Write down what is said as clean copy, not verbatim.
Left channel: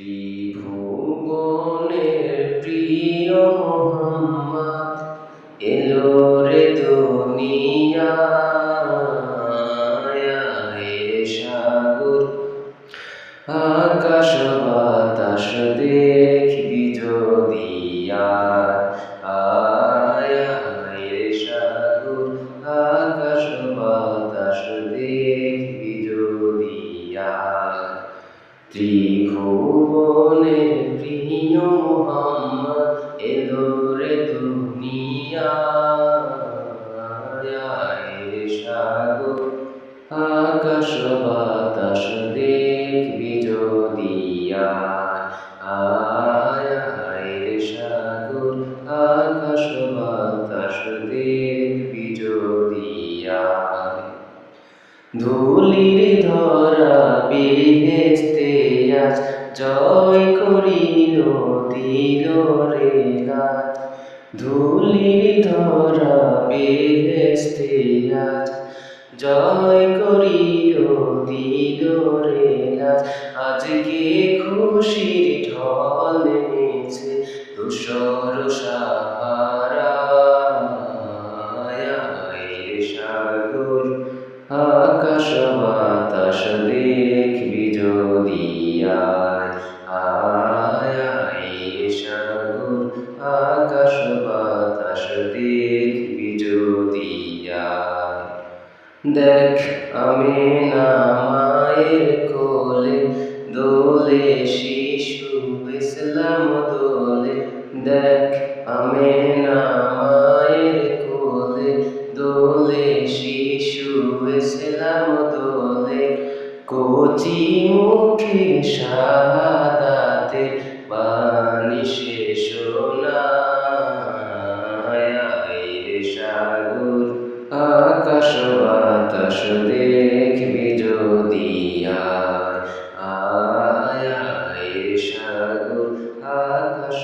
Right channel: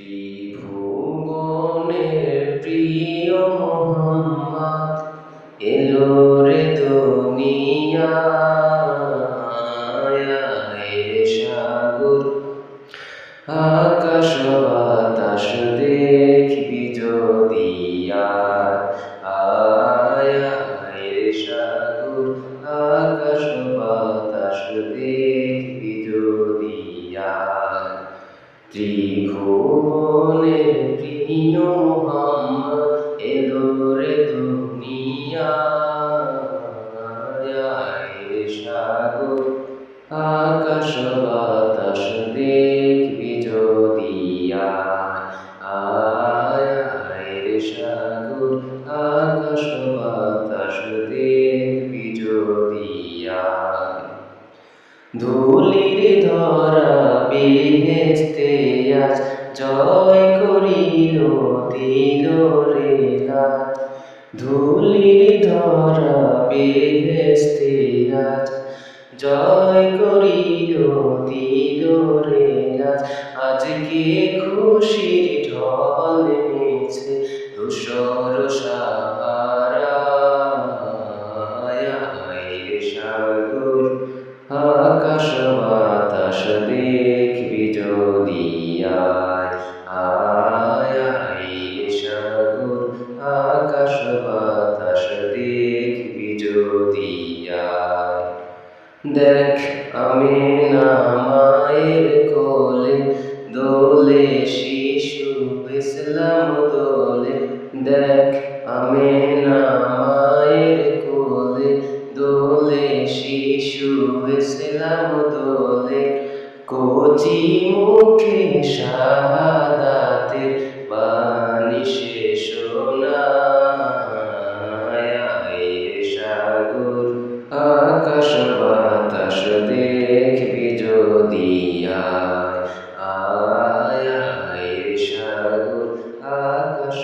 ত্রিভুবনের প্রিয় মোহাম্মদ এলো রে দুনিয়ায়, রে সাগর আকাশ বাতাস দেখবি যদি আয়, রে সাগর আকাশ বাতাস দেখবি যদি ত্রিভুবনের প্রিয় মোহাম্মদ এলো রে দুনিয়ায়, রে সাগর আকাশ বাতাস দেখবি যদি আয়, রে সাগর আকাশ বাতাস দেখবি যদি ধুলির ধরা বেহেশতে আজ জয় করিল দিল রে লাজ। ধুলির ধরা বেহেশতে আজ জয় করিল দিল রে লাজ। আজকে খুশির ঢল নেমেছে ধূসর সাহারায়, রে সাগর আকাশ বাতাস দেখবি যদি আয়, রে সাগর আকাশ বাতাস দেখবি যদি দেখ আমিনা মায়ের কোলে দোলে শিশু ইসলাম দোলে। দেখ আমিনা মায়ের কোলে দোলে শিশু ইসলাম দোলে। কচি মুখে শাহাদাতের বাণী সে শোনায়, রে সাগর আকাশ বাতাস দেখবি যদি আয়, রে সাগর আকাশ